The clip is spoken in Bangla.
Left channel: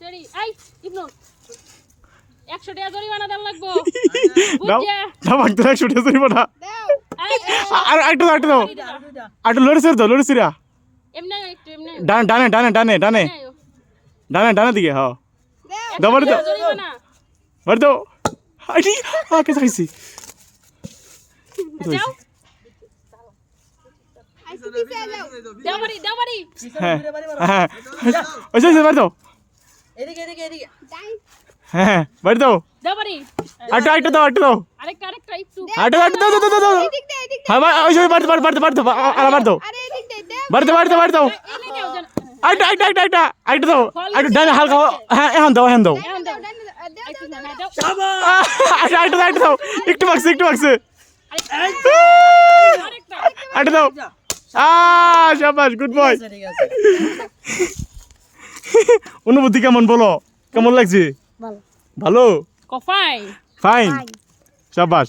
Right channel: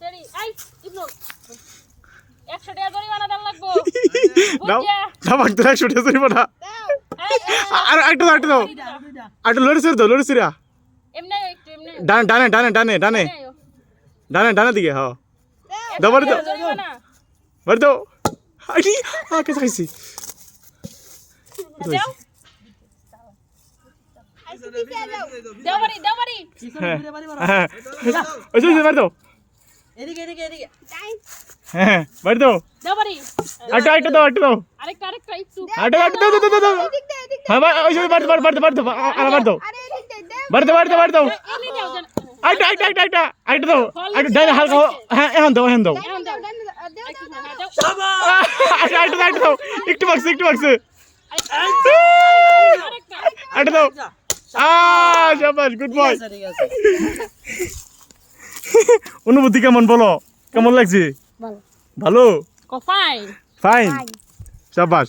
তেরি আই ইবনু 100 টাকা জরিমানা দেন লাগবো দাও দাও ভাগ তোরা 100 টাকা জরিমানা আর আইটো দাও আইটো লড়ে সিরা এমনি একটু এমনি ডানে দিকে হ্যাঁ দাও বাড়ি দাও জরিমানা বাড়ি দাও আইটি কেসে খাইছি দাও দাও বাড়ি হ্যাঁ ওই যে বাড়ি দাও এদিকে হ্যাঁ বাড়ি দাও দাও বাড়ি আইটো দাও আরেকটা একটু আইটো দাও হ্যাঁ ওই যে বাড়ি দাও বাড়ি দাও এমনি দাও জান আইটো দাও আইটো ডানে হালকা হ্যাঁ এখন দাও এখন দাও আইটো দাও একটু বাক্সে আইটো দাও শাবাশ গুড বয় ঠিক আছে অনুভূতি কেমন বলো কেমন লাগছে ভালো ভালো কফাই ফাইন শাবাশ